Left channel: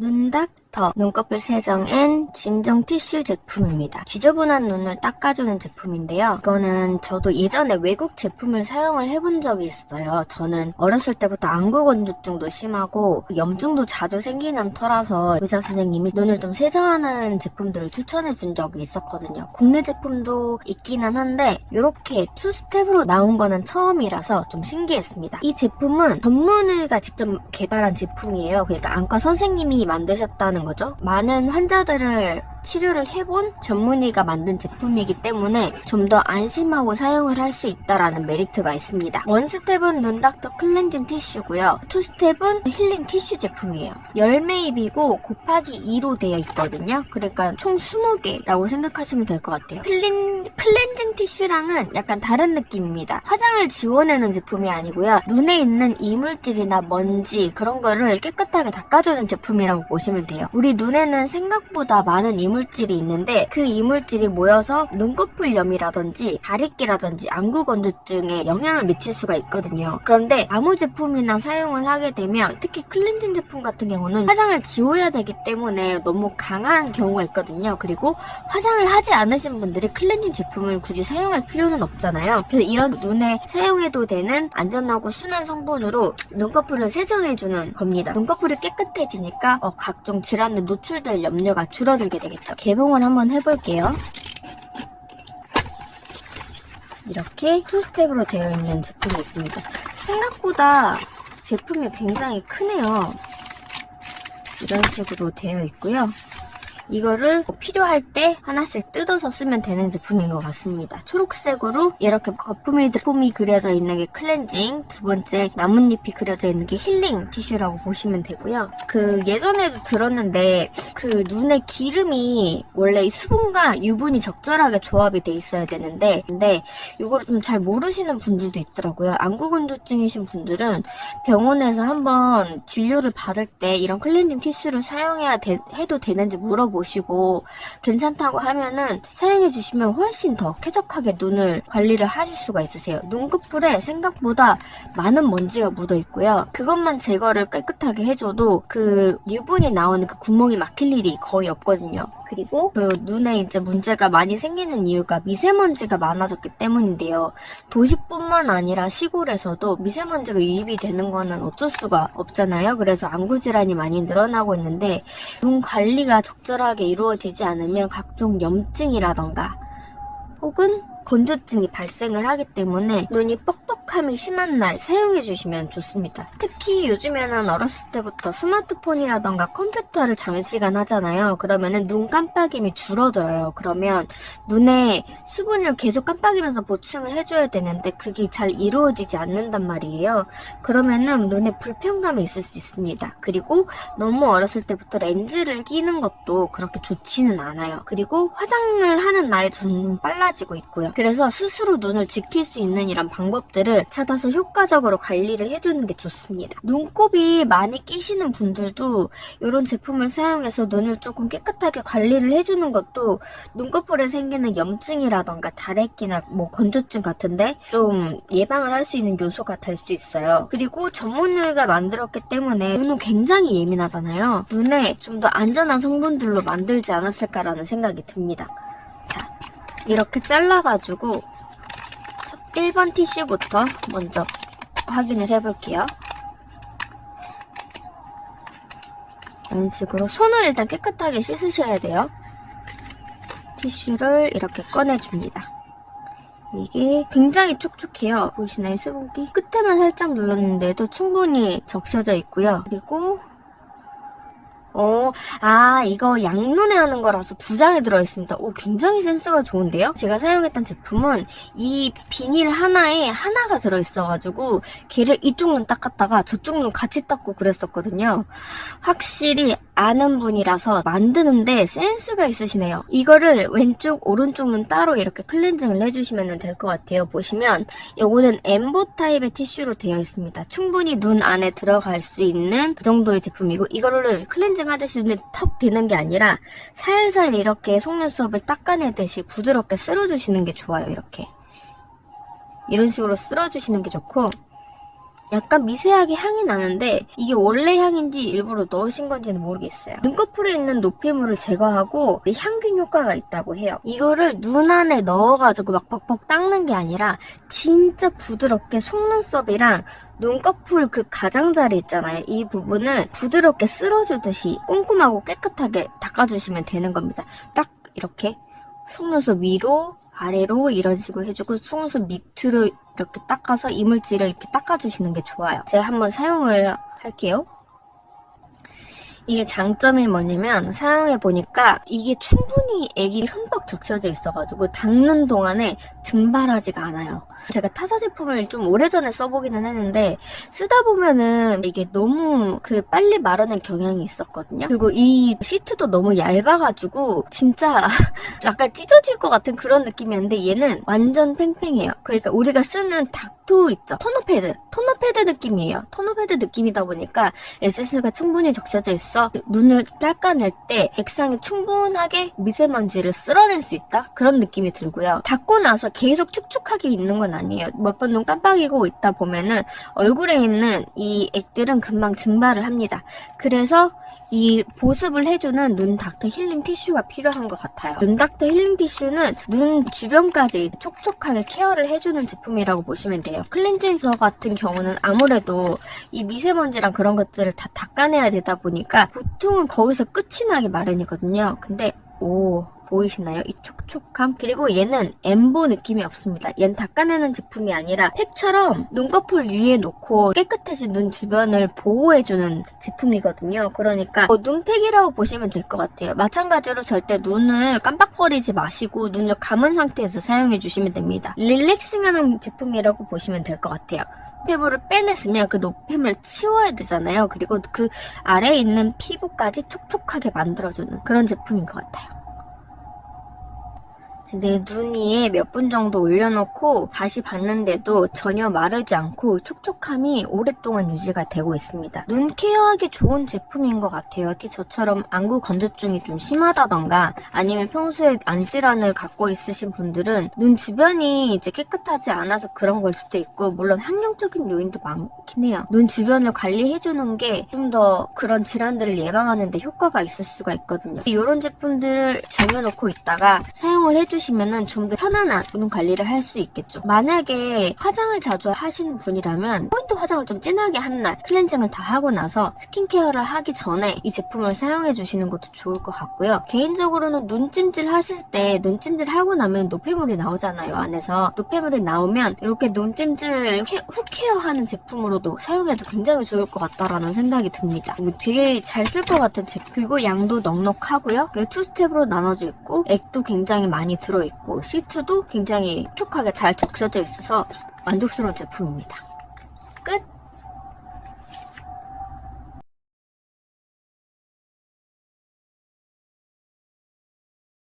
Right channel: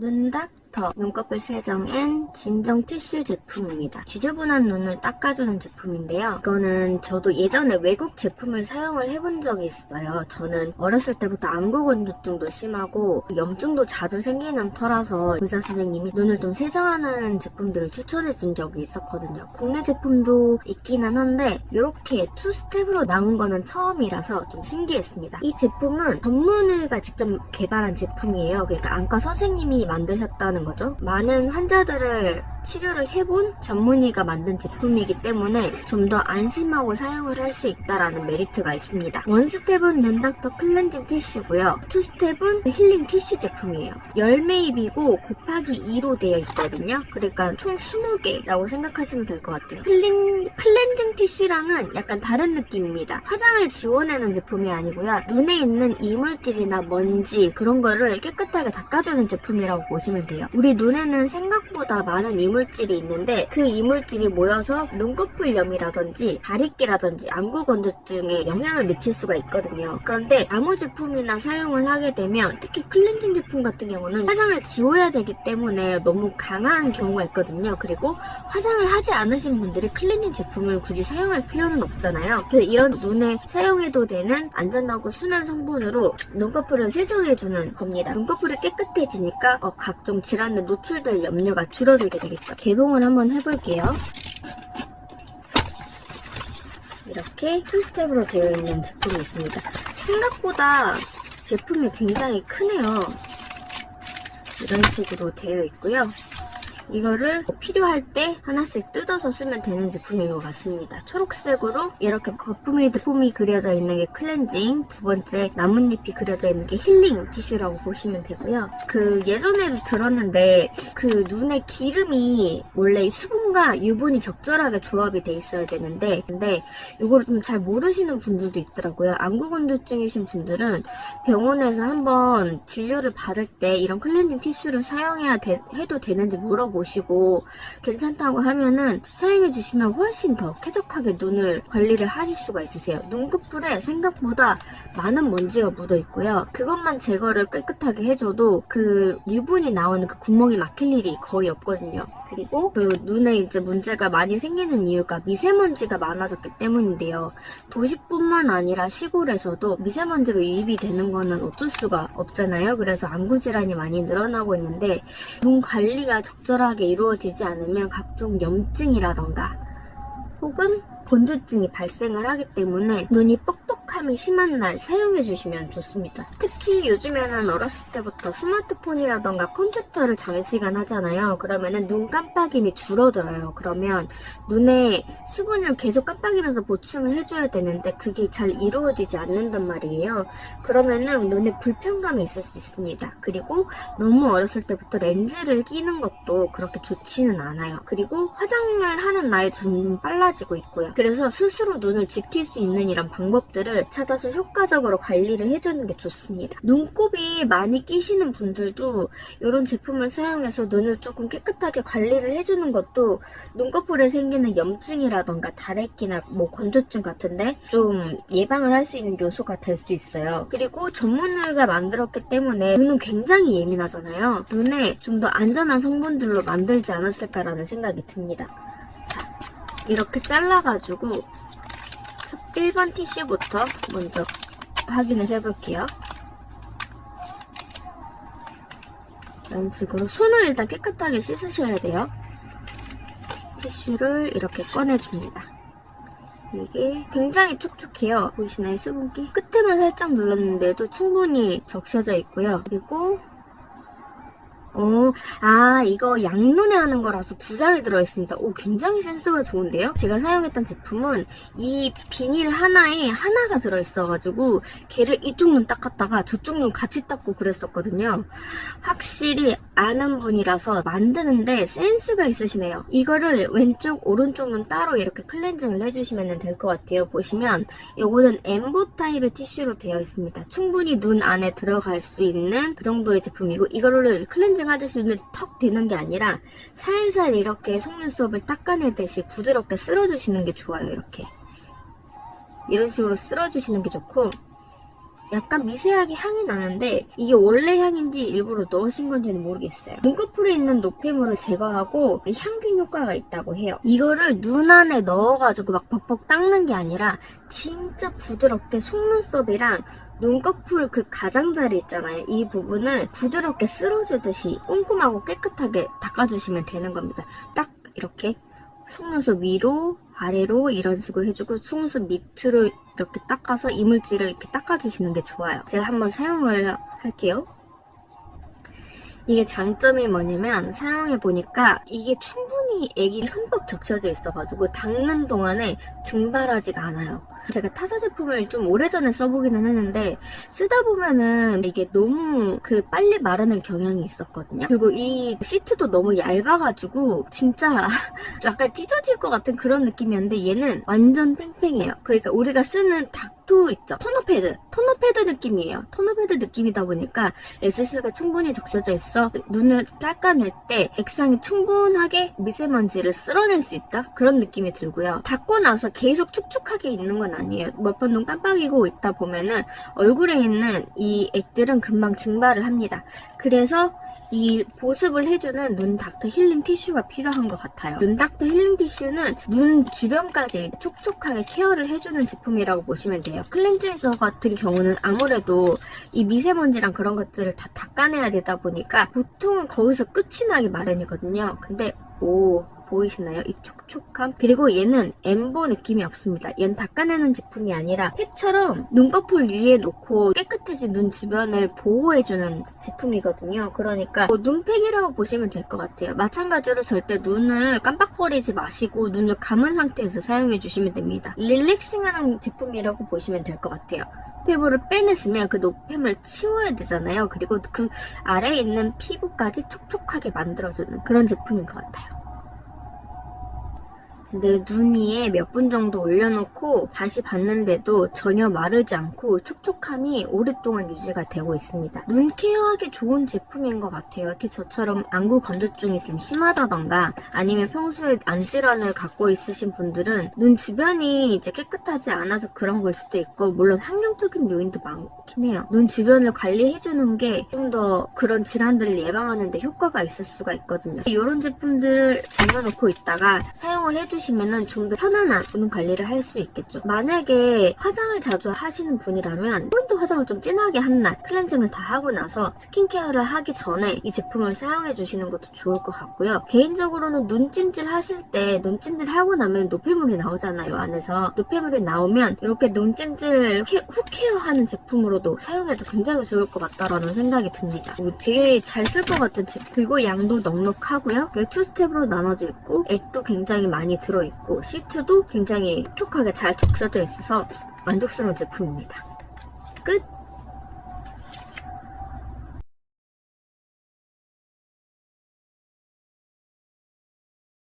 눈닥터 눈꺼풀 세정 앤 진정 티슈 제품입니다. 지저분한 눈을 닦아주는 제품인데요. 이거는 저도 예전에 외국 제품을 사용을 해본 적이 있어요. 저는 어렸을 때부터 안구 건조증도 심하고 염증도 자주 생기는 터라서 의사 선생님이 눈을 좀 세정하는 제품들을 추천해 준 적이 있었거든요. 국내 제품도 있기는 한데 이렇게 투스텝으로 나온 거는 처음이라서 좀 신기했습니다. 이 제품은 전문의가 직접 개발한 제품이에요. 그러니까 안과 선생님이 만드셨다는 거죠. 많은 환자들을 치료를 해본 전문의가 만든 제품이기 때문에 좀 더 안심하고 사용을 할 수 있다라는 메리트가 있습니다. 원스텝은 눈닥터 클렌징 티슈고요. 투스텝은 힐링 티슈 제품이에요. 10매입이고 곱하기 2로 되어 있거든요. 그러니까 총 20개라고 생각하시면 될 것 같아요. 클렌징 티슈랑은 약간 다른 느낌입니다. 화장을 지워내는 제품이 아니고요. 눈에 있는 이물질이나 먼지 그런 거를 깨끗하게 닦아주는 제품이라고 보시면 돼요. 우리 눈에는 생각보다 많은 이물질이 있는데 그 이물질이 모여서 눈꺼풀염이라든지 다리끼라든지 안구 건조증에 영향을 미칠 수가 있거든요. 그런데 아무 제품이나 사용을 하게 되면 특히 클렌징 제품 같은 경우는 화장을 지워야 되기 때문에 너무 강한 경우가 있거든요. 그리고 화장을 하지 않으신 분들이 클렌징 제품을 굳이 사용할 필요는 없잖아요. 그래서 이런 눈에 사용해도 되는 안전하고 순한 성분으로 눈꺼풀을 세정해주는 겁니다. 눈꺼풀이 깨끗해지니까 각종 질환에 노출될 염려가 줄어들게 되겠죠. 개봉을 한번 해볼게요. 이렇게 투스텝으로 되어 있는 제품이 있습니다. 생각보다 제품이 굉장히 크네요. 이런 식으로 되어 있고요. 이거를 필요할 때 하나씩 뜯어서 쓰면 되는 제품인 것 같습니다. 초록색으로 이렇게 거품이 그려져 있는 게 클렌징, 두 번째 나뭇잎이 그려져 있는 게 힐링 티슈라고 보시면 되고요. 예전에도 들었는데 눈에 기름이 원래 수분과 유분이 적절하게 조합이 돼 있어야 되는데 근데 이거를 좀 잘 모르시는 분들도 있더라고요. 안구 건조증이신 분들은 병원에서 한번 진료를 받을 때 이런 클렌징 티슈를 해도 되는지 물어보시고 괜찮다고 하면은 사용해 주시면 훨씬 더 쾌적하게 눈을 관리를 하실 수가 있으세요. 눈꺼풀에 생각보다 많은 먼지가 묻어 있고요. 그것만 제거를 깨끗하게 해줘도 유분이 나오는 구멍이 막힐 일이 거의 없거든요. 그리고 눈에 이제 문제가 많이 생기는 이유가 미세먼지가 많아졌기 때문인데요. 도시뿐만 아니라 시골에서도 미세먼지가 유입이 되는 거는 어쩔 수가 없잖아요. 그래서 안구 질환이 많이 늘어나고 있는데 눈 관리가 적절하게 이루어지지 않으면 각종 염증이라던가 혹은 건조증이 발생을 하기 때문에 눈이 뻑뻑함이 심한 날 사용해 주시면 좋습니다. 특히 요즘에는 어렸을 때부터 스마트폰이라던가 컴퓨터를 장시간 하잖아요. 그러면은 눈 깜빡임이 줄어들어요. 그러면 눈에 수분을 계속 깜빡이면서 보충을 해줘야 되는데 그게 잘 이루어지지 않는단 말이에요. 그러면은 눈에 불편감이 있을 수 있습니다. 그리고 너무 어렸을 때부터 렌즈를 끼는 것도 그렇게 좋지는 않아요. 그리고 화장을 하는 나이 점점 빨라지고 있고요. 그래서 스스로 눈을 지킬 수 있는 이런 방법들을 찾아서 효과적으로 관리를 해주는 게 좋습니다. 눈곱이 많이 끼시는 분들도 이런 제품을 사용해서 눈을 조금 깨끗하게 관리를 해주는 것도 눈꺼풀에 생기는 염증이라던가 다래끼나 건조증 같은데 좀 예방을 할 수 있는 요소가 될 수 있어요. 그리고 전문의가 만들었기 때문에 눈은 굉장히 예민하잖아요. 눈에 좀 더 안전한 성분들로 만들지 않았을까라는 생각이 듭니다. 이렇게 잘라가지고 1번 티슈부터 먼저 확인을 해볼게요. 이런 식으로 손을 일단 깨끗하게 씻으셔야 돼요. 티슈를 이렇게 꺼내줍니다. 이게 굉장히 촉촉해요. 보이시나요? 수분기? 끝에만 살짝 눌렀는데도 충분히 적셔져 있고요. 그리고 이거 양눈에 하는 거라서 2장이 들어있습니다. 굉장히 센스가 좋은데요? 제가 사용했던 제품은 이 비닐 하나에 하나가 들어있어가지고 걔를 이쪽 눈 닦았다가 저쪽 눈 같이 닦고 그랬었거든요. 확실히 아는 분이라서 만드는데 센스가 있으시네요. 이거를 왼쪽, 오른쪽 눈 따로 이렇게 클렌징을 해주시면 될 것 같아요. 보시면 이거는 엠보 타입의 티슈로 되어 있습니다. 충분히 눈 안에 들어갈 수 있는 그 정도의 제품이고 이거를 클렌징 하듯이 눈에 턱 대는 게 아니라 살살 이렇게 속눈썹을 닦아내듯이 부드럽게 쓸어주시는 게 좋아요. 이런 식으로 쓸어주시는 게 좋고 약간 미세하게 향이 나는데 이게 원래 향인지 일부러 넣으신 건지는 모르겠어요. 눈꺼풀에 있는 노폐물을 제거하고 향균 효과가 있다고 해요. 이거를 눈 안에 넣어가지고 막 벅벅 닦는 게 아니라 진짜 부드럽게 속눈썹이랑 눈꺼풀 그 가장자리 있잖아요. 이 부분을 부드럽게 쓸어주듯이 꼼꼼하고 깨끗하게 닦아주시면 되는 겁니다. 딱 이렇게 속눈썹 위로 아래로 이런 식으로 해주고 속눈썹 밑으로 이렇게 닦아서 이물질을 이렇게 닦아주시는 게 좋아요. 제가 한번 사용을 할게요. 이게 장점이 뭐냐면 사용해보니까 이게 충분히 액이 흠뻑 적셔져 있어가지고 닦는 동안에 증발하지가 않아요. 제가 타사 제품을 좀 오래전에 써보기는 했는데 쓰다 보면은 이게 너무 빨리 마르는 경향이 있었거든요. 그리고 이 시트도 너무 얇아가지고 진짜 약간 찢어질 것 같은 그런 느낌이었는데 얘는 완전 팽팽해요. 그러니까 우리가 쓰는 닥토 있죠? 토너패드 느낌이에요. 토너패드 느낌이다 보니까 에센스가 충분히 적셔져 있어 눈을 닦아낼 때 액상이 충분하게 미세먼지를 쓸어낼 수 있다? 그런 느낌이 들고요. 닦고 나서 계속 축축하게 있는 건 아니에요. 몇 번 눈 깜빡이고 있다 보면은 얼굴에 있는 이 액들은 금방 증발을 합니다. 그래서 이 보습을 해주는 눈 닥터 힐링 티슈가 필요한 것 같아요. 눈 닥터 힐링 티슈는 눈 주변까지 촉촉하게 케어를 해주는 제품이라고 보시면 돼요. 클렌징서 같은 경우는 아무래도 이 미세먼지랑 그런 것들을 다 닦아내야 되다 보니까 보통은 거기서 끝이 나기 마련이거든요. 근데 보이시나요? 이 촉촉함? 그리고 얘는 엠보 느낌이 없습니다. 얘는 닦아내는 제품이 아니라 팩처럼 눈꺼풀 위에 놓고 깨끗해진 눈 주변을 보호해주는 제품이거든요. 그러니까 눈팩이라고 보시면 될 것 같아요. 마찬가지로 절대 눈을 깜빡거리지 마시고 눈을 감은 상태에서 사용해주시면 됩니다. 릴렉싱하는 제품이라고 보시면 될 것 같아요. 노폐물을 빼냈으면 그 노폐물을 치워야 되잖아요. 그리고 그 아래에 있는 피부까지 촉촉하게 만들어주는 그런 제품인 것 같아요. 내 눈 위에 몇 분 정도 올려놓고 다시 봤는데도 전혀 마르지 않고 촉촉함이 오랫동안 유지가 되고 있습니다. 눈 케어하기 좋은 제품인 것 같아요. 이렇게 저처럼 안구 건조증이 좀 심하다던가 아니면 평소에 안질환을 갖고 있으신 분들은 눈 주변이 이제 깨끗하지 않아서 그런 걸 수도 있고 물론 환경적인 요인도 많긴 해요. 눈 주변을 관리해주는 게 좀 더 그런 질환들을 예방하는 데 효과가 있을 수가 있거든요. 이런 제품들을 쟁여놓고 있다가 사용을 해주시면은 좀 더 편안한 눈 관리를 할 수 있겠죠. 만약에 화장을 자주 하시는 분이라면 포인트 화장을 좀 진하게 한 날 클렌징을 다 하고 나서 스킨케어를 하기 전에 이 제품을 사용해 주시는 것도 좋을 것 같고요. 개인적으로는 눈찜질 하실 때 눈찜질 하고 나면 노폐물이 나오잖아요. 안에서 노폐물이 나오면 이렇게 눈찜질 후 케어하는 제품으로도 사용해도 굉장히 좋을 것 같다라는 생각이 듭니다. 되게 잘 쓸 것 같은 제품. 그리고 양도 넉넉하고요. 투 스텝으로 나눠져 있고 액도 굉장히 많이 들어있고 시트도 굉장히 촉촉하게 잘 적셔져 있어서 만족스러운 제품입니다. 끝!